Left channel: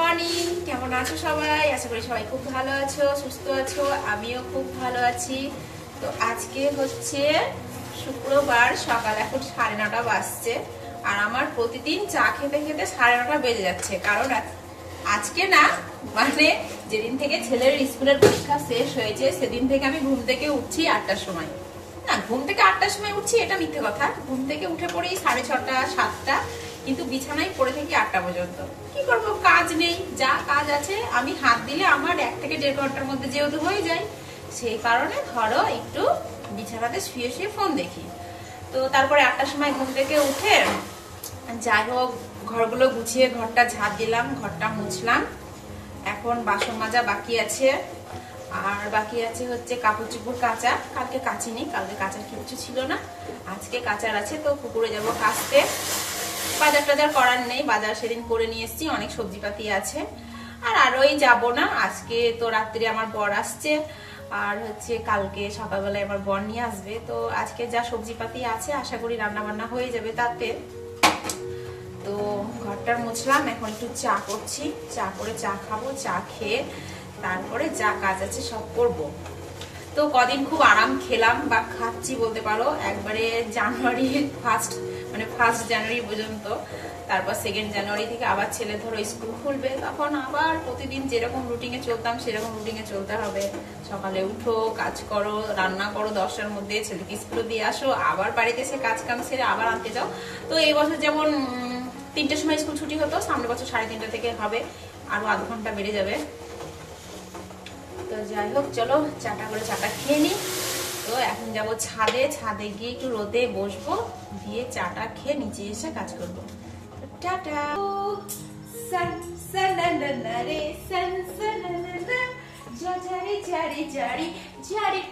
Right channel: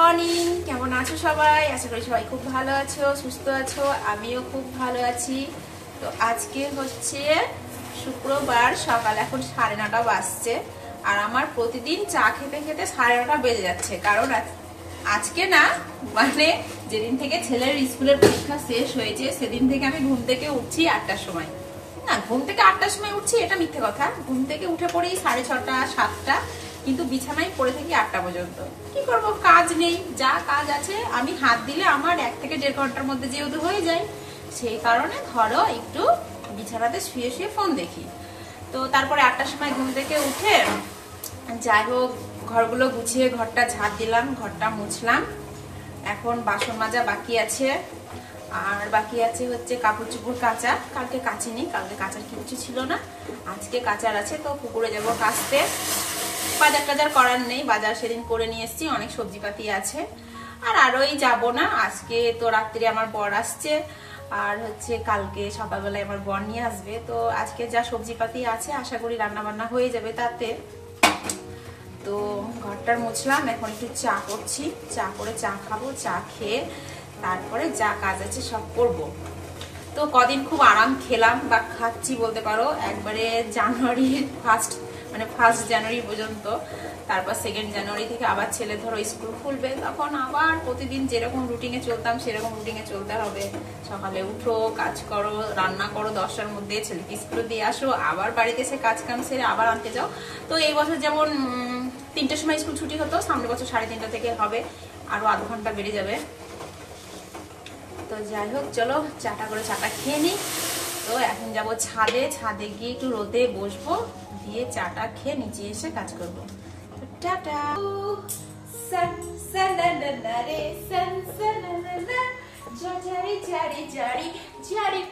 Morning, কেমন আছো সবাই? আশা করি সবাই খুব ভালো আছো, সুস্থ আছো। আমিও খুব ভালো আছি। তো আজকে হচ্ছে শুক্রবার, সকাল এখন 9:30 বাজছে। আর আমার প্রতিদিন চা খেতে খেতে 9:30 বেজে যাচ্ছে। কারণ আজকে না, মানে যেদিন থেকে ছেলের স্কুলের পরীক্ষা শেষ হয়েছে সেদিন থেকে আমি ঘুম থেকে উঠছি 8টার সময়। না, ঘুম থেকে 8টার সময় উঠছি এটা মিথ্যে কথা। ঘুম থেকে উঠে পড়ি 6:30 7টা, কিন্তু বিছানায় পড়ে থাকি 8টা পর্যন্ত। কি করব, কাজ নেই। যা কাজ আছে আমি হাত দিলে আমার 1 থেকে 1.5 ঘন্টার মধ্যে যেহেতু হয়ে যায়, সেই কারণে ধরো একটু বিছানাতে শুয়ে শুয়ে ফোন দেখি। তো তারপরে 8টার সময় ঘুম থেকে উঠে যাই হোক ঘরগুলো গুছিয়ে ঘরটা ঝাড় দিলাম, ঘরটা মুছলাম। এখন বাসন মাজা বাকি আছে, আর বাকি আছে হচ্ছে কাপড় চোপড় কাচা। কালকে কাচিনি, কালকে কাচার কিছু ছিল না, আজকে কাচার আছে। তো পুকুরে যাবো কাচতে। বাজার টাজার করার নেই, বাজার সেদিন করে নিয়ে এসেছি, অনেক সবজিপাতি আছে। আর আরোই যাবো না, আজকে তো রাত্রে আমার বর আসছে, আর হচ্ছে কালকে সকালবেলায় আমার বর নিয়ে আসবে। তো আজকে যা সবজিপাতি আছে আশা করি রান্না বান্না হয়ে যাবে তাতে। তো ঘরটার মুছলাম, এখন একটু চা করছি, চা করে চা খাবো। চা খেয়ে তারপরে যা কাজ আছে সব করবো। তো কদিন খুব আরাম খেলাম বা খাচ্ছি বলতে পারো, একবারে জানুয়ারির ফার্স্ট জানুয়ারি পর্যন্ত। তারপর 2nd জানুয়ারি থেকে আবার ছেলে ধরো স্কুল খুলবে, তখন আবার প্রতিদিন যেরকম রুটিনে চলতাম সেরকম রুটিনে চলতে হবে। সকালে উঠো, কাজ করো, রান্না করো 10টার মধ্যে, ছেলেকে স্কুলে দিয়ে আসো, আবার বাড়িতে এসে কাজ কাম সেরে আবার আনতে যাও। তো এই বছর যেমন 3টার সময় স্কুল ছুটি হতো, সামনের বছর 3:30 থেকে হবে, আরো আধ ঘন্টা বেড়ে যাবে। তো যাই হোক, চলো চাটা করে চাটা খেয়ে নি। তো এখন যাবো ছাদে, ছাদে গিয়ে একটু রোদে বসবো, দিয়ে চাটা খেয়ে নিচে এসে কাজ করবো। টাটা।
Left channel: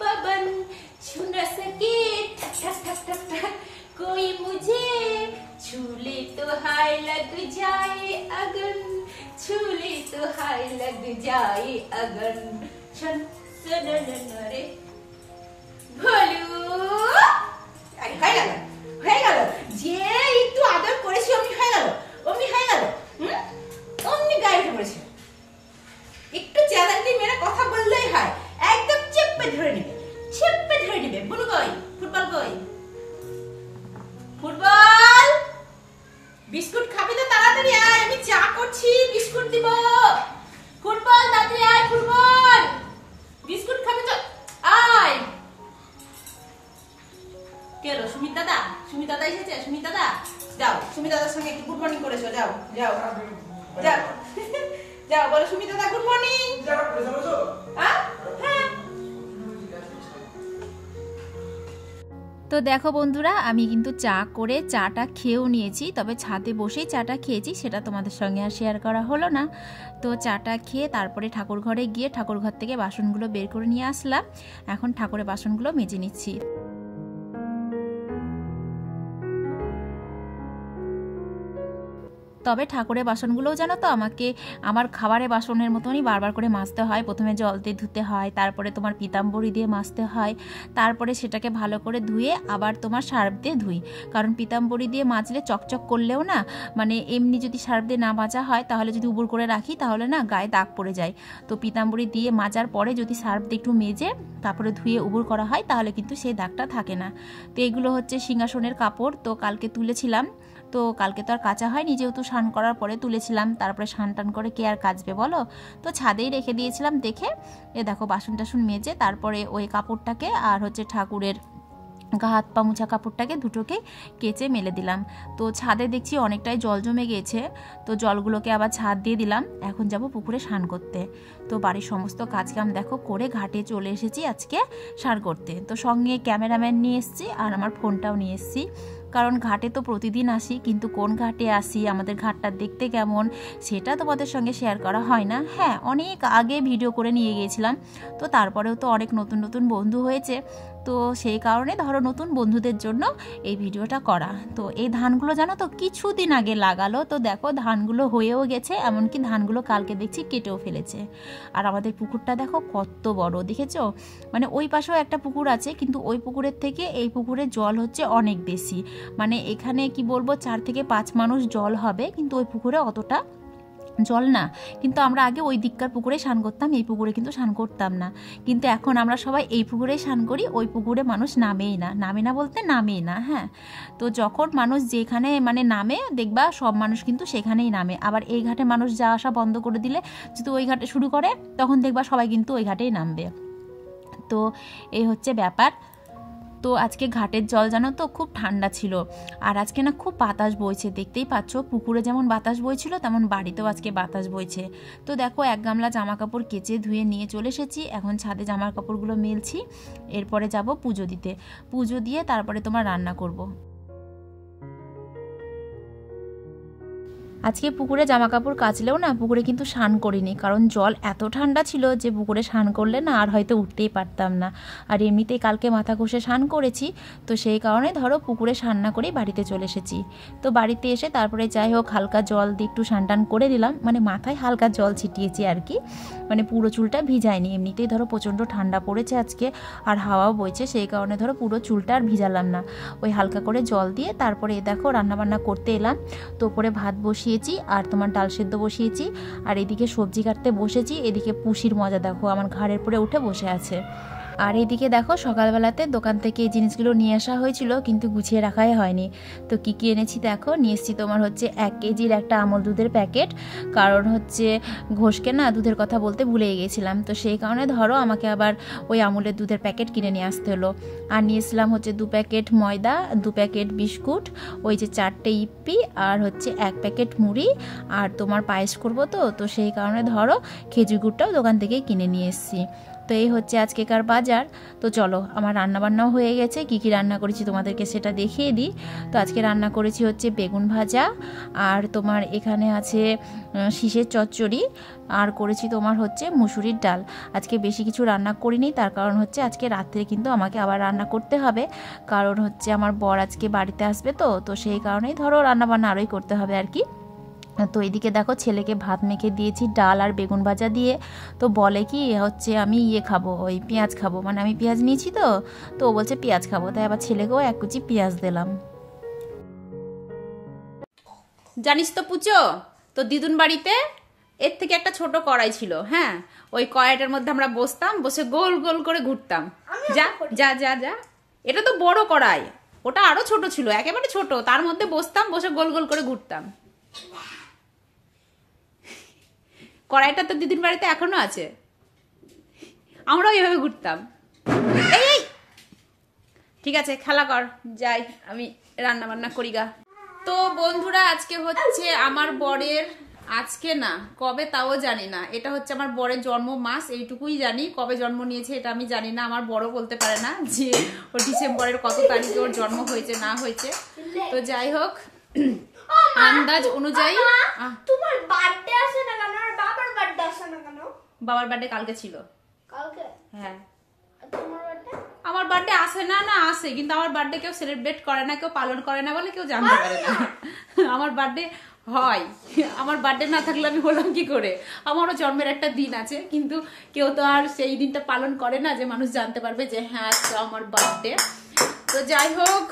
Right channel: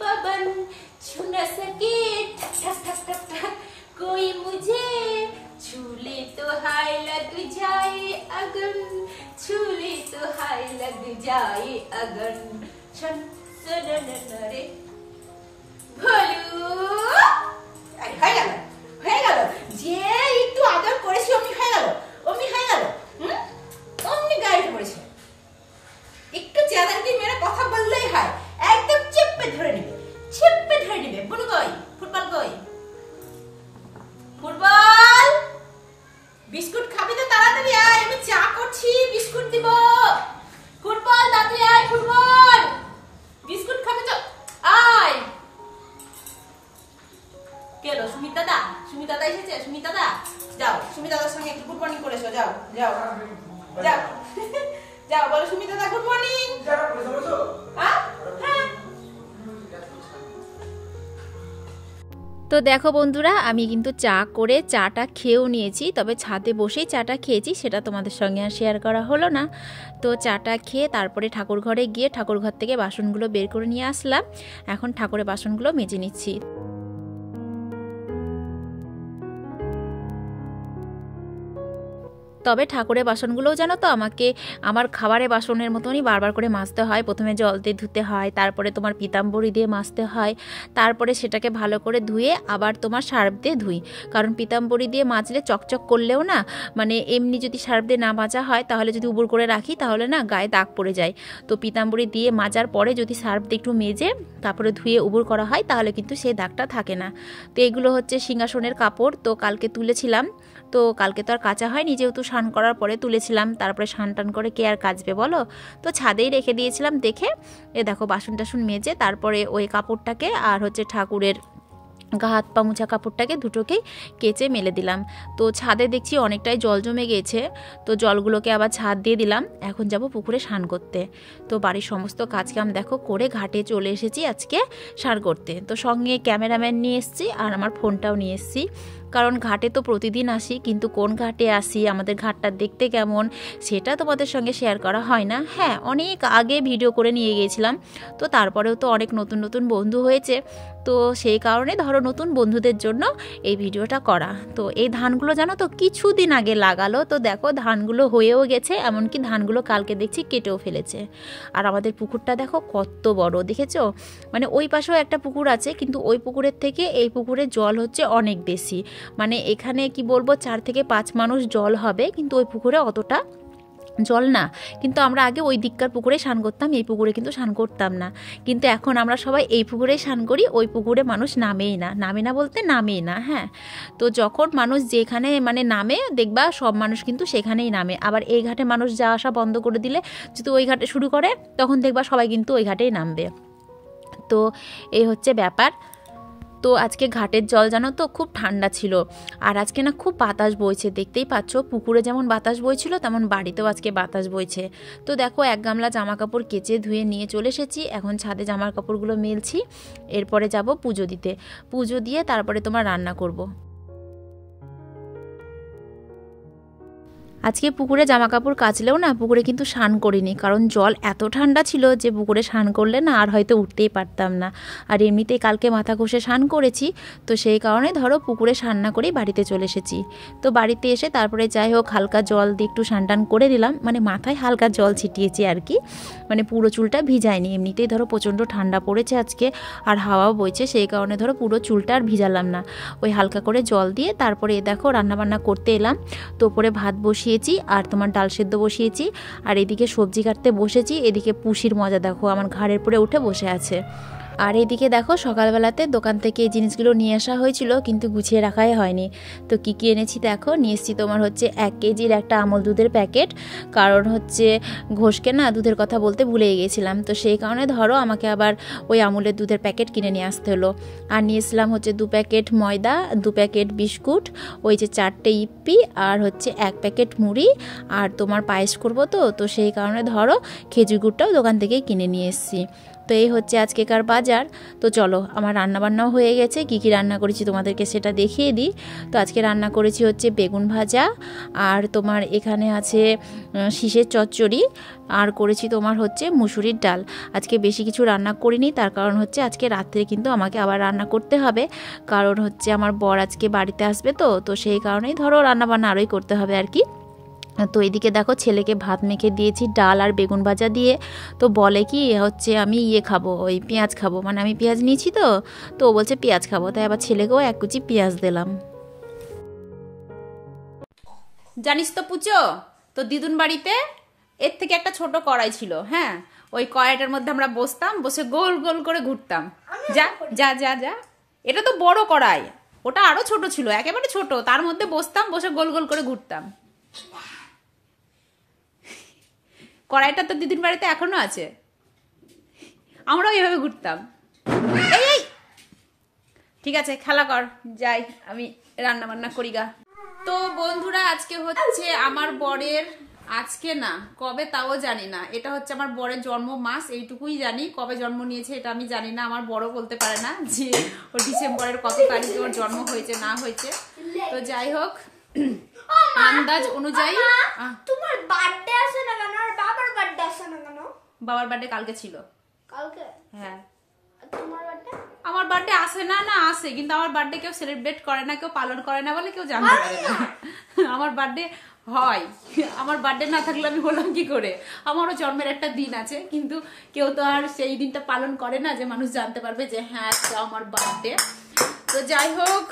पवन छू न सके कोई मुझे, छू ले तो हाय लग जाए अगन, छू ले तो हाय लग जाए अगन। রে ভলু হয়ে গেল যে একটু আদর করেছি অমনি হয়ে গেল, অমনি গাড়ি পড়েছে। একটু চ্যালেঞ্জি মেরে কথা বললেই হয়, একদম চেপে ধরে নেবে। বুনু কই, ফুটবল কই, ফুটবল বিস্কুট খাবি তো তাড়াতাড়ি আয়, আমি চা করছি, বিস্কুট দিব। ফুটবল তাড়াতাড়ি আয়, ফুটবল বিস্কুট খাবি তো আয়। কেলো সুমিত দাদা এসেছে, সুমিত দাদা যাও, সুমিত দাদার সঙ্গে একটু গুড মর্নিং করেছো, যাও যাও বলো সুমিত দাদা গুড মর্নিং। তো দেখো বন্ধুরা, আমি কিন্তু চা করে চাটা খেয়েও নিয়েছি, তবে ছাদে বসেই চাটা খেয়েছি, সেটা তোমাদের সঙ্গে আর শেয়ার করা হলো না। তো চাটা খেয়ে তারপরে ঠাকুর ঘরে গিয়ে ঠাকুর ঘর থেকে বাসনগুলো বের করে নিয়ে আসলাম। এখন ঠাকুরের বাসনগুলো মেজে নিচ্ছি। তবে ঠাকুরের বাসনগুলোও জানো তো আমাকে আমার খাবারের বাসনের মতনই বারবার করে মাজতে হয়। প্রথমে জল দিয়ে ধুতে হয়, তারপরে তোমার পিতাম্বরী দিয়ে মাজতে হয়, তারপরে সেটাকে ভালো করে ধুয়ে আবার তোমার সার্ফ দিয়ে ধুই। কারণ পিতাম্বরী দিয়ে মাজলে চকচক করলেও না, মানে এমনি যদি সার্ফ দিয়ে না মাজা হয় তাহলে যদি উবুর করে রাখি তাহলে না গায়ে দাগ পড়ে যায়। তো পিতাম্বরী দিয়ে মাজার পরে যদি সার্ফ দিয়ে একটু মেজে তারপরে ধুয়ে উবুর করা হয় তাহলে কিন্তু সেই দাগটা থাকে না। তো এগুলো হচ্ছে সিংহাসনের কাপড়, তো কালকে তুলেছিলাম। তো কালকে তো আর কাচা হয়নি, যেহেতু স্নান করার পরে তুলেছিলাম, তারপরে স্নান টান করে কে আর কাচবে বলো। তো ছাদেই রেখে দিয়েছিলাম দেখে। দেখো বাসন টাসন মেজে তারপরে ওই কাপড়টাকে আর হচ্ছে ঠাকুরের গা হাত পা মোছা কাপড়টাকে দুটোকেই কেচে মেলে দিলাম। তো ছাদে দেখছি অনেকটাই জল জমে গিয়েছে, তো জলগুলোকে আবার ছাদ দিয়ে দিলাম। এখন যাব পুকুরে স্নান করতে। তো বাড়ির সমস্ত কাজকাম দেখো করে ঘাটে চলে এসেছি আজকে স্নান করতে। তো সঙ্গে ক্যামেরাম্যান নিয়ে এসেছি আর আমার ফোনটাও নিয়ে এসেছি, কারণ ঘাটে তো প্রতিদিন আসি, কিন্তু কোন ঘাটে আসি, আমাদের ঘাটটা দেখতে কেমন সেটা তোমাদের সঙ্গে শেয়ার করা হয় না। হ্যাঁ, অনেক আগে ভিডিও করে নিয়ে গিয়েছিলাম, তো তারপরেও তো অনেক নতুন নতুন বন্ধু হয়েছে, তো সেই কারণে ধরো নতুন বন্ধুদের জন্য এই ভিডিওটা করা। তো এই ধানগুলো জানো তো কিছুদিন আগে লাগালো, তো দেখো ধানগুলো হয়েও গেছে, এমনকি ধানগুলো কালকে দেখছি কেটেও ফেলেছে। আর আমাদের পুকুরটা দেখো কত বড়, দেখেছো? মানে ওই পাশেও একটা পুকুর আছে, কিন্তু ওই পুকুরের থেকে এই পুকুরের জল হচ্ছে অনেক বেশি। মানে এখানে কি বলবো 4 থেকে 5 মানুষ জল হবে, কিন্তু ওই পুকুরে অতটা জল না, কিন্তু আমরা আগে ওই দিককার পুকুরে স্নান করতাম, এই পুকুরে কিন্তু স্নান করতাম না। কিন্তু এখন আমরা সবাই এই পুকুরেই স্নান করি, ওই পুকুরে মানুষ নামেই না বলতে নামেই না। হ্যাঁ, তো যখন মানুষ যেখানে মানে নামে দেখবা সব মানুষ কিন্তু সেখানেই নামে, আবার এই ঘাটে মানুষ যাওয়া আসা বন্ধ করে দিলে যদি ওই ঘাটে শুরু করে তখন দেখবা সবাই কিন্তু ওই ঘাটেই নামবে। তো এই হচ্ছে ব্যাপার। তো আজকে ঘাটের জল জানো তো খুব ঠান্ডা ছিল, আর আজকে না খুব বাতাস বইছে, দেখতেই পাচ্ছ পুকুরে যেমন বাতাস বইছিল তেমন বাড়িতেও আজকে বাতাস বইছে। তো দেখো এক গামলা জামা কাপড় কেচে ধুয়ে নিয়ে চলে এসেছি, এখন ছাদে জামার কাপড়গুলো মেলছি, এরপরে যাব পুজো দিতে, পুজো দিয়ে তারপরে তোমার রান্না করব। আজকে পুকুরে জামা কাপড় কাচলেও না পুকুরে কিন্তু স্নান করিনি, কারণ জল এত ঠান্ডা ছিল যে পুকুরে স্নান করলে না আর হয়তো উঠতেই পারতাম না। আর এমনিতেই কালকে মাথা ঘষে স্নান করেছি, তো সেই কারণে ধরো পুকুরে স্নান না করেই বাড়িতে চলে এসেছি। তো বাড়িতে এসে তারপরে যাই হোক হালকা জল দিয়ে একটু স্নান টান করে দিলাম, মানে মাথায় হালকা জল ছিটিয়েছি আর কি, মানে পুরো চুলটা ভিজায়নি। এমনিতেই ধরো প্রচণ্ড ঠান্ডা পড়েছে আজকে, আর হাওয়াও বইছে, সেই কারণে ধরো পুরো চুলটা আর ভিজালাম না, ওই হালকা করে জল দিয়ে তারপরে দেখো রান্নাবান্না করতে এলাম। তো ওপরে ভাত বসিয়েছি আর তোমার ডাল সেদ্ধ বসিয়েছি, আর এদিকে সবজি কাটতে বসেছি। এদিকে পুষির মজা দেখো আমার ঘাড়ের উপরে উঠে বসে আছে। আর এদিকে দেখো সকালবেলাতে দোকান থেকে এই জিনিসগুলো নিয়ে আসা হয়েছিল, কিন্তু গুছিয়ে রাখাই হয়নি। তো কী কী এনেছি দেখো, নিয়ে এসেছি তোমার হচ্ছে 1 কেজির একটা আমুল দুধের প্যাকেট, কারণ হচ্ছে ঘোষকে না দুধের কথা বলতে ভুলে গিয়েছিলাম, তো সেই কারণে ধরো আমাকে আবার ওই আমুলের দুধের প্যাকেট কিনে নিয়ে আসতে হলো। আর নিয়েছিলাম হচ্ছে 2 প্যাকেট ময়দা, 2 প্যাকেট বিস্কুট, ওই যে 4টে ইপ্পি, আর হচ্ছে 1 প্যাকেট মুড়ি, আর তোমার পায়েস করবো তো সেই কারণে ধরো খেজুর গুড়টাও দোকান থেকেই কিনে নিয়ে এসেছি। তো এই হচ্ছে আজকেকার বাজার। তো চলো আমার রান্নাবান্নাও হয়ে গেছে, কী কী রান্না করেছি তোমাদেরকে সেটা দেখিয়ে দিই। তো আজকে রান্না করেছি হচ্ছে বেগুন ভাজা, আর তোমার এখানে আছে শীষের চচ্চড়ি, আর করেছি তোমার হচ্ছে মুসুরির ডাল। আজকে বেশি কিছু রান্না করিনি, তার কারণ হচ্ছে আজকে রাত্রে কিন্তু আমাকে আবার রান্না করতে হবে, কারণ হচ্ছে আমার বর আজকে বাড়িতে আসবে, তো সেই কারণেই ধরো রান্নাবান্না আরোই করতে হবে আর কি। তো এদিকে দেখো ছেলেকে ভাত মেখে দিয়েছি ডাল আর বেগুন ভাজা দিয়ে। তো বলে কি হচ্ছে আমি খাবো, ওই পেঁয়াজ খাবো, মানে আমি পেঁয়াজ নিয়েছি তো ও বলছে পেঁয়াজ খাবো, তাই আবার ছেলেকেও 1 কুচি পেঁয়াজ দিলাম। জানিস তো পুচো, তো দিদুন বাড়িতে এর থেকে একটা ছোট কড়াই ছিল। হ্যাঁ, ওই কড়াইটার মধ্যে আমরা বসতাম, বসে গোল গোল করে ঘুরতাম। যা যা যা যা, এটা তো বড় কড়াই, ওটা আরো ছোট ছিল, একেবারে ছোট, তার মধ্যে বসতাম, বসে গোল গোল করে ঘুরতাম। কড়াইটা তো দিদির বাড়িতে এখনো আছে, আমরাও এইভাবে ঘুরতাম। এই ঠিক আছে, খেলা কর, যাই আমি রান্না বান্না করি গা। তো বন্ধুরা আজকে হচ্ছে আমার বরের, আজকে না কবে তাও জানি না, এটা হচ্ছে আমার বরের জন্ম মাস, এইটুকুই জানি, কবে জন্ম নিয়েছে এটা আমি জানি না। আমার বড় বলতে পারে না যে ও ডিসেম্বরের কত তারিখে ওর জন্ম হয়েছে না হয়েছে। তো যাই হোক আন্দাজ অনুযায়ী তোমার বার্থডে আসে না কেন, আর বাবার বার্থডে আসে না কেন? বাবার বার্থডে কালকে ছিল। কালকে? হ্যাঁ। তোমার বার্থডে? আমার বার্থডে আসে না আসে, কিন্তু আমার বার্থডে কেউ সেলিব্রেট করে না, কেউ পালন করে না বলে কেউ জানতে পারে না। আমার বার্থডে হয়, আমার বার্থডে না থাকলে আমি হলাম কি করে? আমারও জন্মের একটা দিন আছে, কিন্তু কেউ তো আর সেই দিনটা পালন করে না যে মানুষ জানতে পারবে যে হ্যাঁ আজকে আমার বার্থডে। তো যাই হোক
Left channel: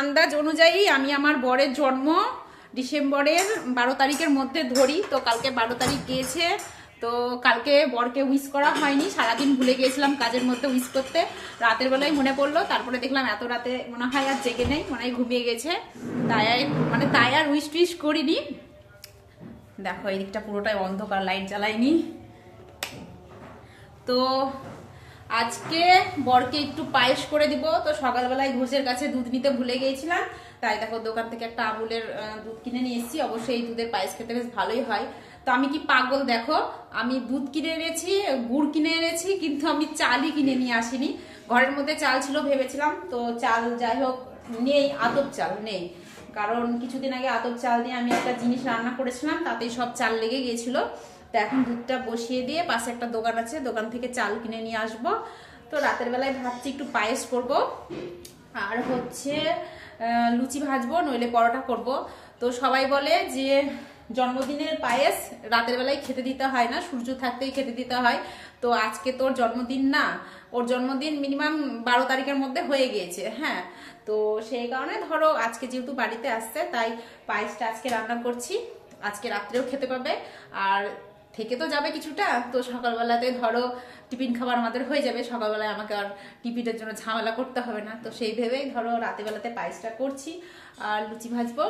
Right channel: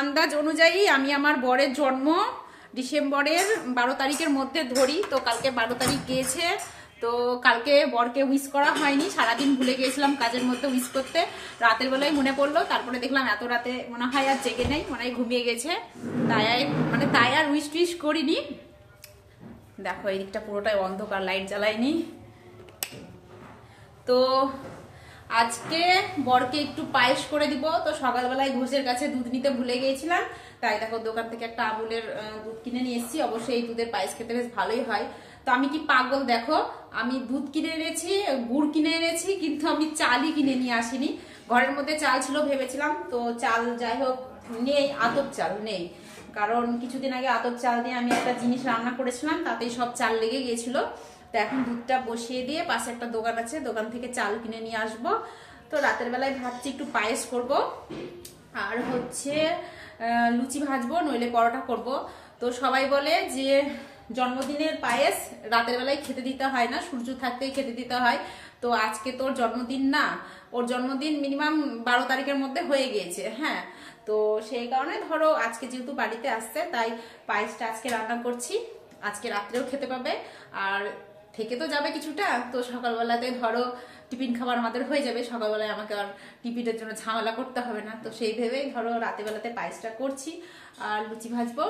আন্দাজ অনুযায়ী আমি আমার বরের জন্ম ডিসেম্বরের 12 তারিখের মধ্যে ধরি। তো কালকে 12 তারিখ গিয়েছে, তো কালকে বরকে উইশ করা হয়নি, সারাদিন ভুলে গিয়েছিলাম কাজের মধ্যে উইশ করতে, রাতের বেলায় মনে পড়লো, তারপরে দেখলাম এত রাতে মনে হয় আর জেগে নেই, মনে হয় ঘুমিয়ে গেছে, তাই আর উইশ টুইশ করিনি। দেখো এই দিকটা পুরোটাই অন্ধকার, লাইট জ্বালাইনি। তো আজকে বরকে একটু পায়েস করে দিব। তো সকালবেলায় ঘোষের কাছে দুধ নিতে ভুলে গিয়েছিলাম, তাই দেখো দোকান থেকে একটা আমুলের দুধ কিনে নিয়ে এসেছি। অবশ্যই এই দুধের পায়েস খেতে বেশ ভালোই হয়। তো আমি কি পাগল দেখো, আমি দুধ কিনে এনেছি, গুড় কিনে এনেছি, কিন্তু আমি চালই কিনে নিয়ে আসিনি। ঘরের মধ্যে চাল ছিল ভেবেছিলাম, তো চাল যাই হোক নেই, আতপ চাল নেই, কারণ কিছুদিন আগে আতপ চাল দিয়ে আমি একটা জিনিস রান্না করেছিলাম, তাতেই সব চাল লেগে গিয়েছিল। তো এখন দুধটা বসিয়ে দিয়ে পাশে একটা দোকান আছে, দোকান থেকে চাল কিনে নিয়ে আসবো। তো রাতের বেলায় ভাবছি একটু পায়েস করব, আর হচ্ছে লুচি ভাজবো, নইলে পরোটা করব। তো সবাই বলে যে জন্মদিনের পায়েস রাতের বেলায় খেতে দিতে হয় না, সূর্য থাকতেই খেতে দিতে হয়। তো আজকে তোর জন্মদিন না, ওর জন্মদিন মিনিমাম 12 তারিখের মধ্যে হয়ে গিয়েছে। হ্যাঁ, তো সেই কারণে ধরো আজকে যেহেতু বাড়িতে আসছে, তাই পায়েসটা আজকে রান্না করছি। আজকে রাত্রেও খেতে পাবে, আর থেকে তো যাবে কিছুটা, তো সকালবেলাতে ধরো টিফিন খাবার আমাদের হয়ে যাবে, সকালবেলায় আমাকে আর টিফিনের জন্য ঝামেলা করতে হবে না। তো সেই ভেবেই ধরো রাতেবেলাতে পায়েসটা করছি আর লুচি ভাজবো।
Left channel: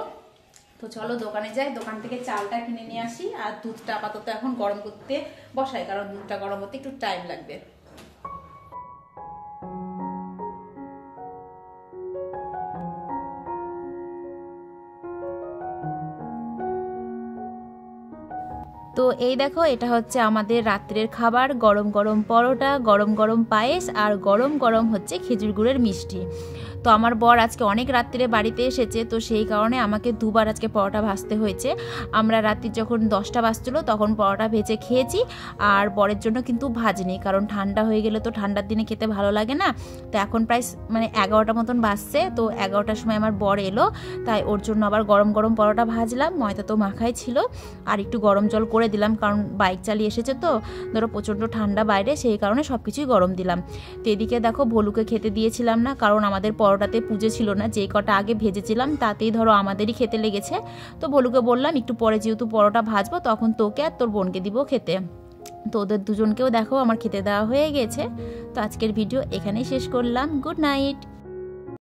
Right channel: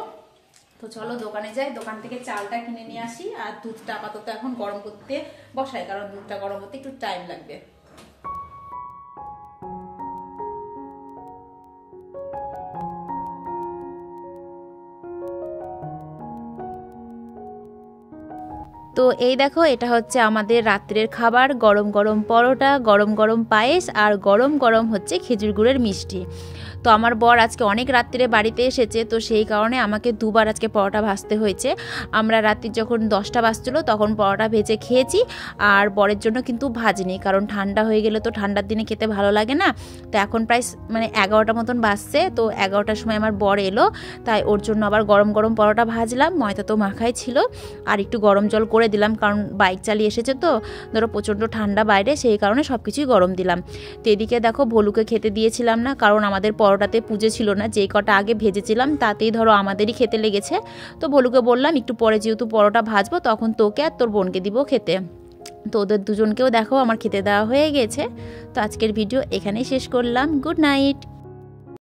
তো চলো দোকানে যাই, দোকান থেকে চালটা কিনে নিয়ে আসি, আর দুধটা আপাতত এখন গরম করতে বসাই, কারণ দুধটা গরম হতে একটু টাইম লাগবে। তো এই দেখো, এটা হচ্ছে আমাদের রাত্রের খাবার, গরম গরম পরোটা, গরম গরম পায়েস, আর গরম গরম হচ্ছে খেজুর গুড়ের মিষ্টি। তো আমার বর আজকে অনেক রাত্রে বাড়িতে এসেছে, তো সেই কারণে আমাকে দুবার আজকে পরোটা ভাজতে হয়েছে। আমরা রাত্রি যখন 10টা বাজছিল তখন পরোটা ভেজে খেয়েছি, আর বরের জন্য কিন্তু ভাজিনি, কারণ ঠান্ডা হয়ে গেলে তো ঠান্ডার দিনে খেতে ভালো লাগে না। তো এখন প্রায় 11টা মতন বাজছে, তো 11টার সময় আমার বর এলো, তাই ওর জন্য আবার গরম গরম পরোটা ভাজলাম। ময়দা তো মাখাই ছিল, আর একটু গরম জল করে দিলাম, কারণ বাইক চালিয়ে এসেছে তো ধরো প্রচণ্ড ঠান্ডা বাইরে, সেই কারণে সব কিছুই গরম দিলাম। তো এদিকে দেখো ভলুকে খেতে দিয়েছিলাম না, কারণ আমাদের পরোটাতে পুজো ছিল না, যেই কটা আগে ভেজেছিলাম তাতেই ধরো আমাদেরই খেতে লেগেছে। তো ভলুকে বললাম একটু পরে যেহেতু পরোটা ভাজবো তখন তোকে আর তোর বোনকে দিব খেতে। তো ওদের দুজনকেও দেখো আমার খেতে দেওয়া হয়ে গেছে। তো আজকের ভিডিও এখানেই শেষ করলাম। Good night.